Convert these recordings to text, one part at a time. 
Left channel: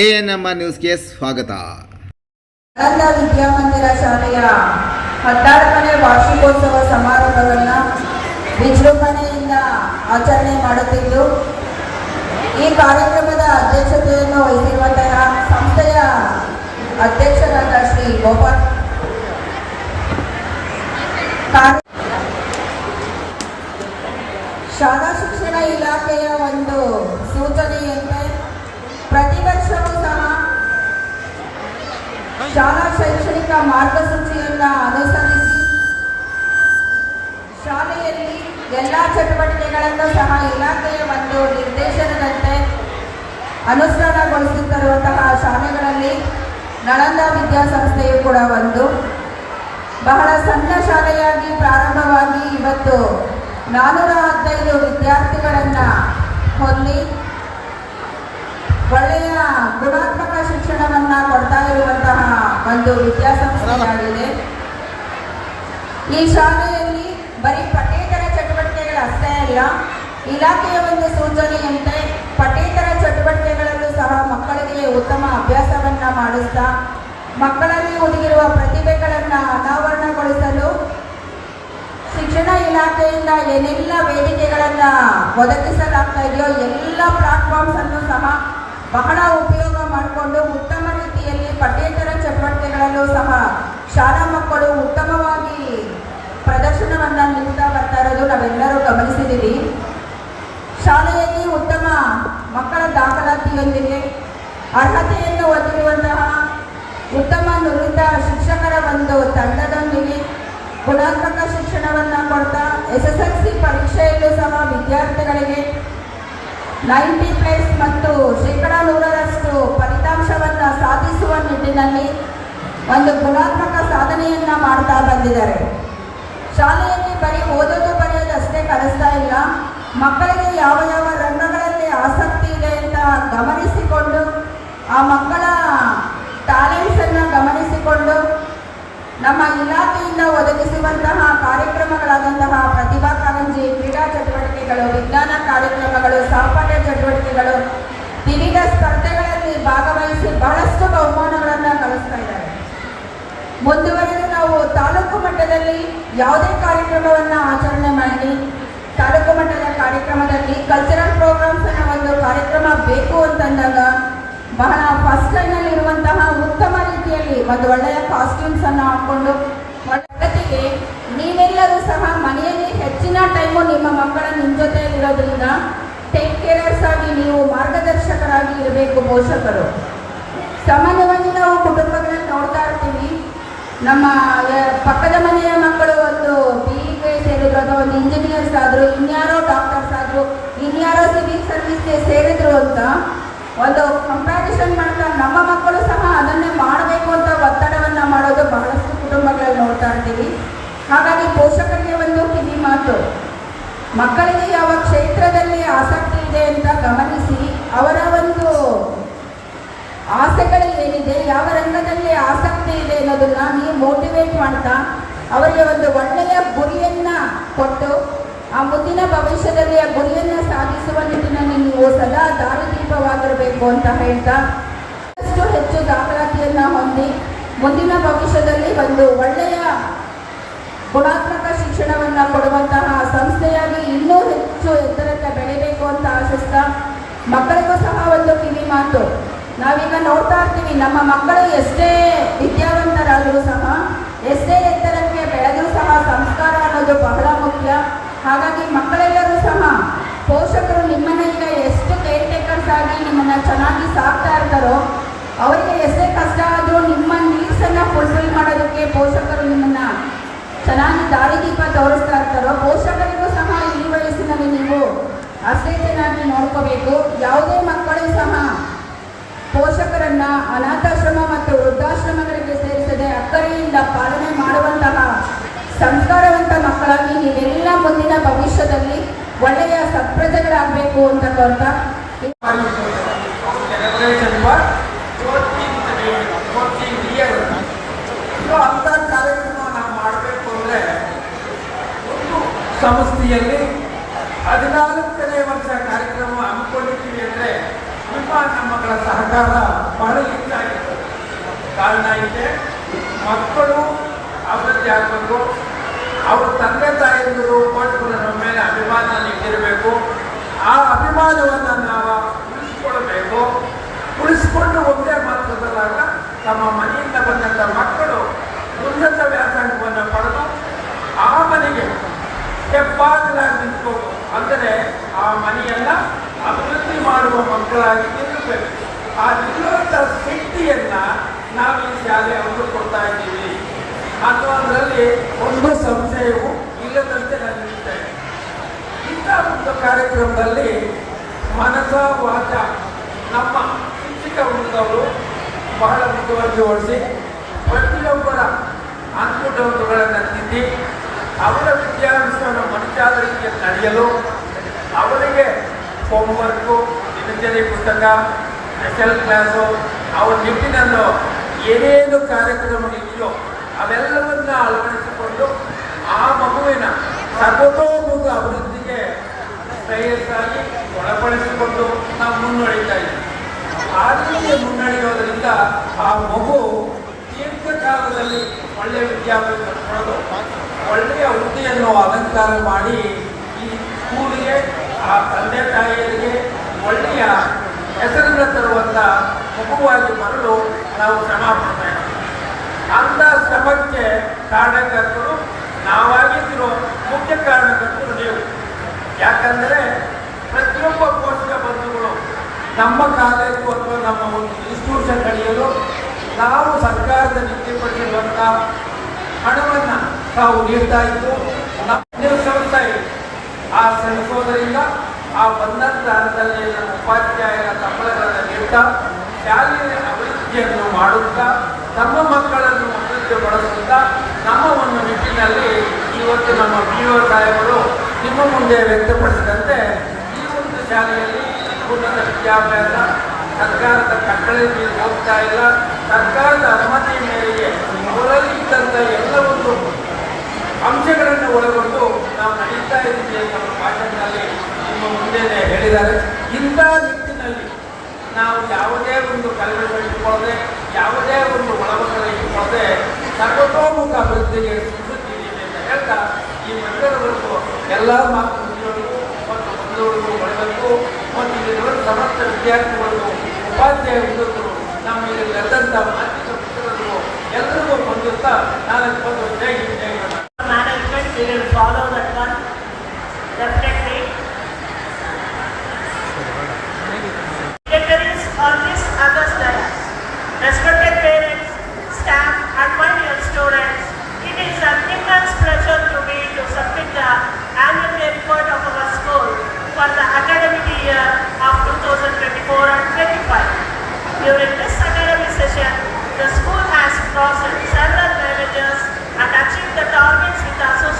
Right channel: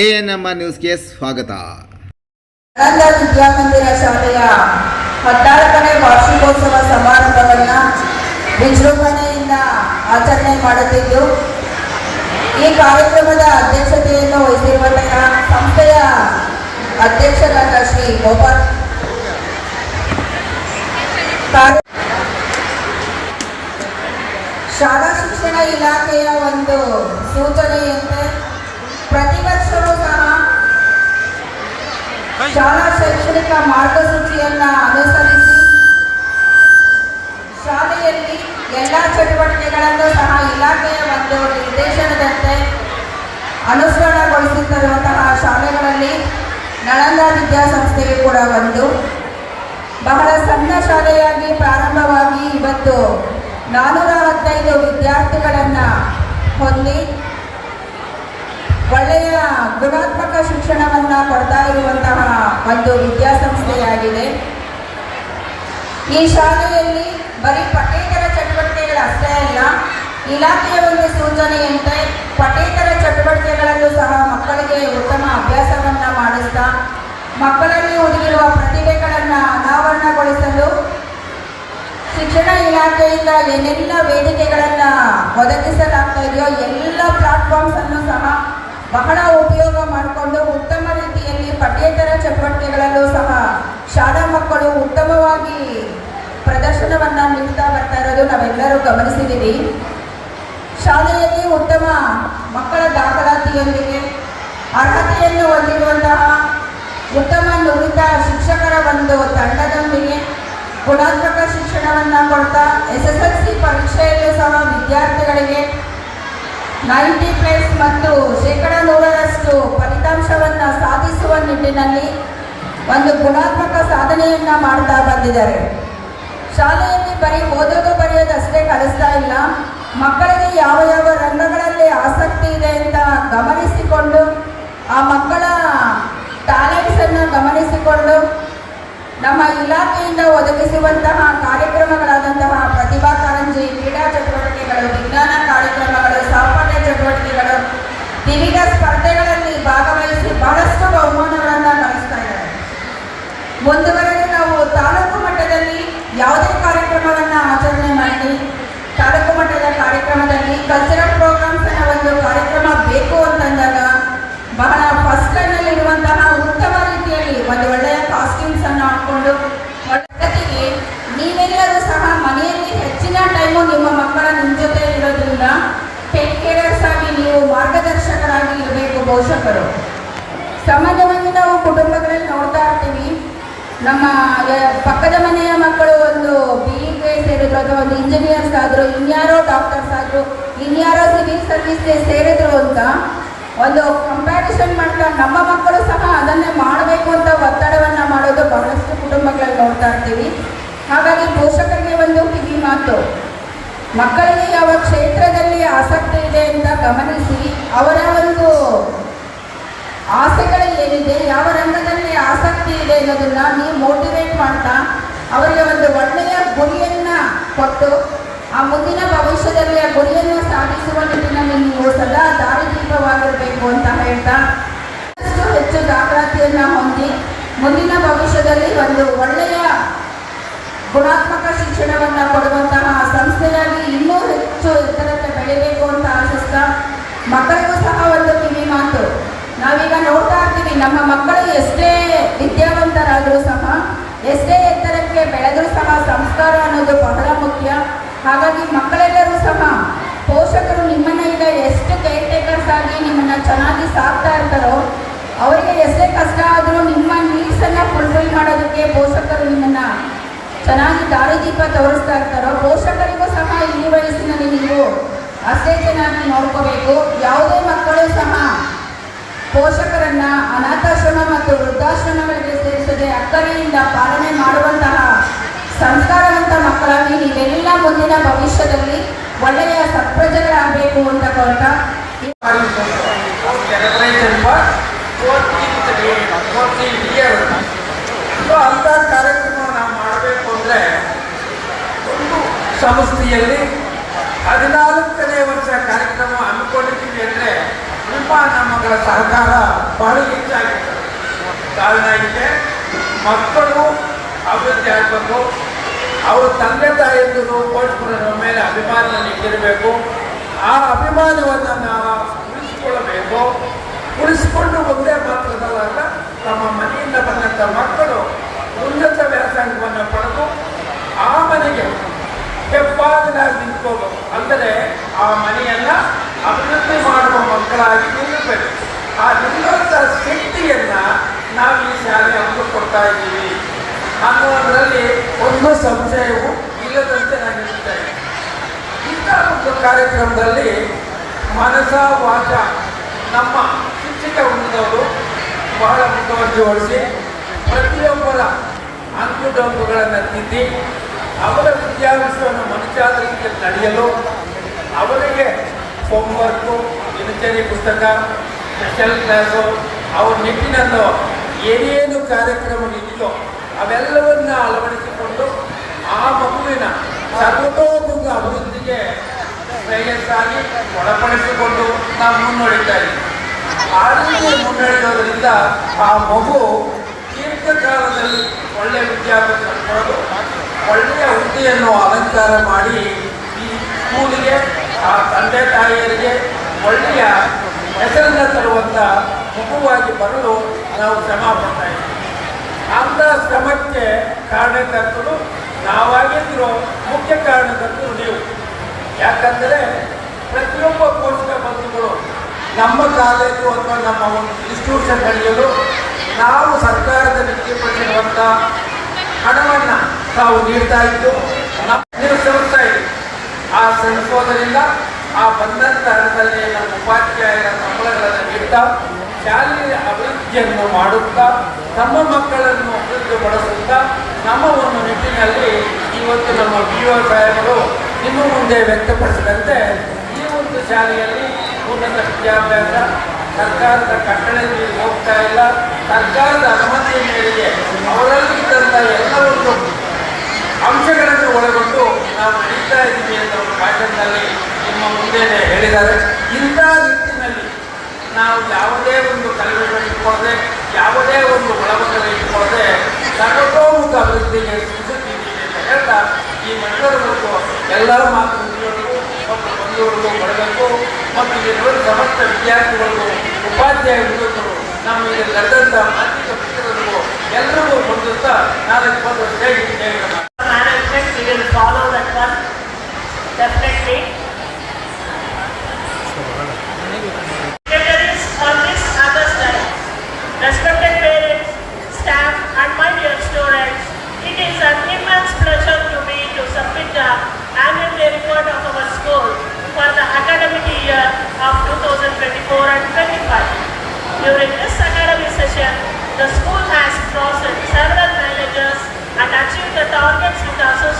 A N M ನ್ಯೂಸ್ಗೆ ಸ್ವಾಗತ. ಆನಂದ ವಿದ್ಯಾಮಂದಿರ ಶಾಲೆಯ ಹದಿನಾಲ್ಕನೇ ವಾರ್ಷಿಕೋತ್ಸವ ಸಮಾರಂಭವನ್ನು ವಿಜೃಂಭಣೆಯಿಂದ ಆಚರಣೆ ಮಾಡುತ್ತಿದ್ದು, ಈ ಕಾರ್ಯಕ್ರಮದ ಅಧ್ಯಕ್ಷತೆಯನ್ನು ವಹಿಸಿರುವಂತಹ ಗುಣಾತ್ಮಕ ಶಿಕ್ಷಣವನ್ನ ಕೊಡ್ತಾ ಇರುವಂತಹ ಒಂದು ವಿದ್ಯಾಸಂಸ್ಥೆಯಾಗಿದೆ. ಈ ಶಾಲೆಯಲ್ಲಿ ಬರೀ ಪಠ್ಯೇತರ ಚಟುವಟಿಕೆಗಳಷ್ಟೇ ಅಲ್ಲ, ಇಲಾಖೆಯ ಒಂದು ಸೂಚನೆಯಂತೆ ಪಠ್ಯೇತರ ಚಟುವಟಿಕೆಗಳಲ್ಲೂ ಸಹ ಮಕ್ಕಳಿಗೆ ಉತ್ತಮ ಅಭ್ಯಾಸವನ್ನ ಮಾಡಿಸ್ತಾ, ಮಕ್ಕಳಲ್ಲಿ ಉಳಿದಿರುವ ಪ್ರತಿಭೆಗಳನ್ನು ಅನಾವರಣಗೊಳಿಸಲು ಶಿಕ್ಷಣ ಇಲಾಖೆಯಿಂದ ಏನೆಲ್ಲ ವೇದಿಕೆಗಳನ್ನ ಒದಗಿಸಲಾಗ್ತಾ ಇದೆಯೋ ಎಲ್ಲ ಪ್ಲಾಟ್ಫಾರ್ಮ್ಸ್ ಅನ್ನು ಸಹ ಬಹಳ ದಾಖಲಾತಿಯೊಂದಿಗೆ ಅರ್ಹತೆಯನ್ನು ಹೊಂದಿರುವಂತಹ ಉತ್ತಮ ನುರಿತ ಶಿಕ್ಷಕರ ಒಂದು ತಂಡದೊಂದಿಗೆ ಗುಣಾತ್ಮಕ ಶಿಕ್ಷಣವನ್ನು ಕೊಡ್ತಾ ಎಸ್ ಎಸ್ ಎಲ್ ಸಿ ಪರೀಕ್ಷೆಯಲ್ಲೂ ಸಹ ವಿದ್ಯಾರ್ಥಿಗಳಿಗೆ ನೈಂಟಿ ಪ್ಲಸ್ ಮತ್ತು ಶೇಕಡ ನೂರರಷ್ಟು ಫಲಿತಾಂಶವನ್ನು ಸಾಧಿಸುವ ನಿಟ್ಟಿನಲ್ಲಿ ಒಂದು ಗುಣಾತ್ಮಕ ಸಾಧನೆಯನ್ನು ಮಾಡ್ತಾ ಬಂದಿದ್ದಾರೆ. ಶಾಲೆಯಲ್ಲಿ ಬರೀ ಓದೋದು ನಮ್ಮ ಮಕ್ಕಳು ಸಹ ಅದನ್ನೇ ಮಾಡಬೇಕು ಅಂತ ಒತ್ತಡವನ್ನ ಮಾಡೋದು ಬಹಳಷ್ಟು ಕುಟುಂಬಗಳಲ್ಲಿ ನೋಡ್ತಾ ಇರ್ತೀವಿ ಹಾಗಾಗಿ ಪೋಷಕರಿಗೆ ಒಂದು ಕಿವಿ ಮಾತು ಮಕ್ಕಳಿಗೆ ಯಾವ ಕ್ಷೇತ್ರದಲ್ಲಿ ಆಸಕ್ತಿ ಇದೆ ಅಂತ ಗಮನಿಸಿ ಅವರ ಒಂದು ಆಸೆಗಳು ಏನಿದೆ ಯಾವ ರಂಗದಲ್ಲಿ ಆಸಕ್ತಿ ಇದೆ ಅನ್ನೋದನ್ನ ನೀವು ಮೋಟಿವೇಟ್ ಮಾಡ್ತಾ ಅವರಿಗೆ ಒಂದು ಒಳ್ಳೆಯ ಗುರಿಯನ್ನ ಕೊಟ್ಟು ಆ ಮುಂದಿನ ಭವಿಷ್ಯದಲ್ಲಿ ಆ ಗುರಿಯನ್ನು ಸಾಧಿಸುವ ನಿಟ್ಟಿನಲ್ಲಿ ನೀವು ಸದಾ ದಾರಿದೀಪವಾಗಿರಬೇಕು ಅಂತ ಹೇಳ್ತಾ ಹೆಚ್ಚು ಹೆಚ್ಚು ದಾಖಲಾತಿಯನ್ನ ಹೊಂದಿ ಮುಂದಿನ ಭವಿಷ್ಯದಲ್ಲಿ ಒಂದು ಒಳ್ಳೆಯ ಗುಣಾತ್ಮಕ ಶಿಕ್ಷಣವನ್ನು ಕೊಡುವಂತಹ ಸಂಸ್ಥೆಯಾಗಿ ಇನ್ನೂ ಹೆಚ್ಚು ಎತ್ತರಕ್ಕೆ ಬೆಳಿಬೇಕು ಅಂತ ಆಶಿಸ್ತಾ ಮಕ್ಕಳಿಗೂ ಸಹ ಒಂದು ಕಿವಿ ಮಾತು. ನಾವೀಗ ನೋಡ್ತಾ ಇರ್ತೀವಿ, ನಮ್ಮ ಮಕ್ಕಳು ಎಷ್ಟೇ ಮತ್ತು ವೃದ್ಧಾಶ್ರಮಗಳಿಗೆ ಸೇರಿಸದೆ ಅಕ್ಕರೆಯಿಂದ ಪಾಲನೆ ಮಾಡುವಂತಹ ಸಂಸ್ಕಾರವಂತ ಮಕ್ಕಳಾಗಿ ನೀವೆಲ್ಲ ಮುಂದಿನ ಭವಿಷ್ಯದಲ್ಲಿ ಒಳ್ಳೆಯ ಸತ್ಪ್ರಜೆಗಳಾಗಬೇಕು ಅಂತ ಕೊಡ್ತಾ celebration for 14th day, 14th year. So ಅಂಥ ಕಾರ್ಯಕ್ರಮ ನಾವು ಮಾಡಬೇಕು ಅಂದ್ರೆ ಒಂದು ಸಂಸ್ಥೆಯಲ್ಲಿ ಹದಿನಾಲ್ಕನೇ ವರ್ಷ ಕಾರ್ಯಕ್ರಮ ಅನ್ಕೊಂಡಿದ್ದೀವಿ ಅಂದರೆ ನಮಗೆ ಮಕ್ಕಳ ಸಹಕಾರ ಬಹಳ ಕಾರಣ ಆಗಿದೆ ಮಕ್ಕಳು ಅಭಿವೃದ್ಧಿ ಆಗಬೇಕು, ಅವ್ರ ತಂದೆ ತಾಯಿಯಂದಿರು ಪೋಷಕರು ನಮ್ಮ ಮೇಲೆ ಅಭಿಮಾನ ಇಟ್ಟಿರಬೇಕು. ಆ ಅಭಿಮಾನವನ್ನು ನಾವು ಉಳಿಸಿಕೊಳ್ಳಬೇಕು ಉಳಿಸಿಕೊಂಡು ಒಂದೇ ಮಾತ್ರದಲ್ಲಾಗ ತಮ್ಮ ಮನೆಯಿಂದ ಬಂದಂಥ ಮಕ್ಕಳು ಉನ್ನತ ವ್ಯಾಸಂಗವನ್ನು ಪಡೆದು ಆ ಮನೆಗೆ ಹೆಬ್ಬಾಗಿಲಾಗಿ ನಿಂತ್ಕೊಂಡು ಅಂದರೆ ಆ ಮನೆಯನ್ನು ಅಭಿವೃದ್ಧಿ ಮಾಡುವ ಮಕ್ಕಳಾಗಿ ನಿಲ್ಲಬೇಕು ಆ ನಿಲ್ಲುವಂಥ ಶಕ್ತಿಯನ್ನ ನಾವು ಈ ಶಾಲೆ ಹಂದು ಕೊಡ್ತಾ ಇದ್ದೀವಿ ಅನ್ನೋದರಲ್ಲಿ ಒಂದು ಸಂಶಯವು ಇಲ್ಲದಂತೆ ನಾನು ಹೇಳ್ತೇನೆ ಇಂಥ ಒಂದು ಕಾರ್ಯಕ್ರಮದಲ್ಲಿ ಮನಸ ವಾಚ ನಮ್ಮ ಶಿಕ್ಷಕ ವೃಂದವರು ಬಹಳ ಮುತುವರ್ಜಿವಹಿಸಿ ಪ್ರತಿಯೊಬ್ಬರ ಅಂಕುಡೊಂಕುಗಳನ್ನು ತಿದ್ದಿ ಅವರ ವಿದ್ಯಾಭ್ಯಾಸವನ್ನು ಮನುಷ್ಯಾದರಿಗೆ ನಡೆಯಲು ಅವರಿಗೆ ಹೋಮ್ವರ್ಕು ದಿನಚರಿ ಪುಸ್ತಕ ಸ್ಪೆಷಲ್ ಕ್ಲಾಸು ಅವ್ರ ನಿಟ್ಟಿನಲ್ಲೂ ಏನೇನು ಕಾರ್ಯಕ್ರಮ ಇದೆಯೋ ಅವೆಲ್ಲವನ್ನ ಅಳವಡಿಸಿಕೊಂಡು ಆ ಮಗುವಿನ ಸರ್ವತೋಮುಖ ಅಭಿವೃದ್ಧಿಗೆ ಶ್ರೇಯಸ್ಸಾಗಿ ಒಳಪಡಿಸಿಕೊಂಡು ನಾವು ಮುನ್ನಡೆಯುತ್ತಾ ಇದ್ದೀವಿ. ಆ ರೀತಿ ಆ ಮಗು ದೀರ್ಘಕಾಲದಲ್ಲಿ ಒಳ್ಳೆಯ ವಿದ್ಯಾಭ್ಯಾಸ ಮಾಡಲು ಒಳ್ಳೆಯ ಹುದ್ದೆಯನ್ನು ಅಲಂಕಾರ ಮಾಡಿ ಈ ಸ್ಕೂಲಿಗೆ, ಆ ತಂದೆ ತಾಯಿಯರಿಗೆ ಒಳ್ಳೆಯ ಹೆಸರನ್ನು ತರುವಂಥ ಮಗುವಾಗಿ ಬರಲು ನಾವು ಶ್ರಮ ಪಡ್ತಾ ಇದ್ದೀವಿ. ಅಂತ ಶ್ರಮಕ್ಕೆ ಕಾರಣಕರ್ತರು ನಾವಾಗಿದ್ರು ಮುಖ್ಯ ಕಾರಣಕರ್ತರು ನೀವು. ಯಾಕಂದರೆ ಪ್ರತಿಯೊಬ್ಬ ಪೋಷಕ ಬಂಧುಗಳು ನಮ್ಮ ಕಾಲೇಜು ಅಥವಾ ನಮ್ಮ ಒಂದು ಇನ್ಸ್ಟಿಟ್ಯೂಷನ್ ನಡೆಯಲು ನಾವು ಸರ್ಕಾರದ ನಿಗದಿಪಡಿಸಿರುವಂಥ ಹಣವನ್ನು ನಾವು ನೀಡ್ತಾ ಇದ್ದು ನಾವು ಶ್ರಮಿಸ್ತಾ ಆ ಶ್ರಮಿಸೋದರಿಂದ ಆ ಬಂದಂಥ ಹಣದಲ್ಲಿ ನಮ್ಮ ಉಪಾಧ್ಯಾಯರ ಸಂಬಳಗಳನ್ನು ನೀಡ್ತಾ ಶಾಲೆಯ ಅಭಿವೃದ್ಧಿಯನ್ನು ಮಾಡುತ್ತಾ, ನಮ್ಮ ಮಕ್ಕಳನ್ನು ಅಭಿವೃದ್ಧಿಪಡಿಸುತ್ತಾ ನಮ್ಮ ಒಂದು ನಿಟ್ಟಿನಲ್ಲಿ ಇವತ್ತು ನಮ್ಮ ಪಿ ಒ ಸಾಹೇಬರು ನಿಮ್ಮ ಮುಂದೆ ವ್ಯಕ್ತಪಡಿಸಿದಂತೆ ಈ ಒಂದು ಶಾಲೆಯಲ್ಲಿ ಉನ್ನತ ವಿದ್ಯಾಭ್ಯಾಸ, ಸರ್ಕಾರದ ಕಟ್ಟಳೆಯಲ್ಲಿ ಹೋಗ್ತಾ ಇಲ್ಲ. ಸರ್ಕಾರದ ಅನುಮತಿ ಮೇರೆಗೆ ಅವರಲ್ಲಿ ಇದ್ದಂಥ ಎಲ್ಲ ಒಂದು ಅಂಶಗಳನ್ನು ಒಳಗೊಂಡು ನಾವು ನಡೀತಾ ಇದ್ದೀವಿ ಅನ್ನೋ ಭಾಷಣದಲ್ಲಿ ನಿಮ್ಮ ಮುಂದೆ ಹೇಳಿದ್ದಾರೆ. ಇಂಥ ನಾವು ಯಾವುದೇ ಒಂದು ಕಲೆಗಳನ್ನು ಇಟ್ಕೊಳ್ಳದೆ, ಯಾವುದೇ ಒಂದು ಒಳಗಡೆ ಇಟ್ಕೊಳ್ಳದೆ ಸರ್ವತೋಮುಖ ಅಭಿವೃದ್ಧಿಗೆ ಹೇಳ್ತಾ ಈ ಮಂಡಲಗಳು ಎಲ್ಲ ಮಾತು ಬಂದಿಯವರಿಗೂ ಬರಬೇಕು. ಮತ್ತು ಇಲ್ಲಿರುವ ಸಮಸ್ತ ವಿದ್ಯಾರ್ಥಿಗಳು ಉಪಾಧ್ಯಾಯ Gracias.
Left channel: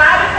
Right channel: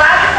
grab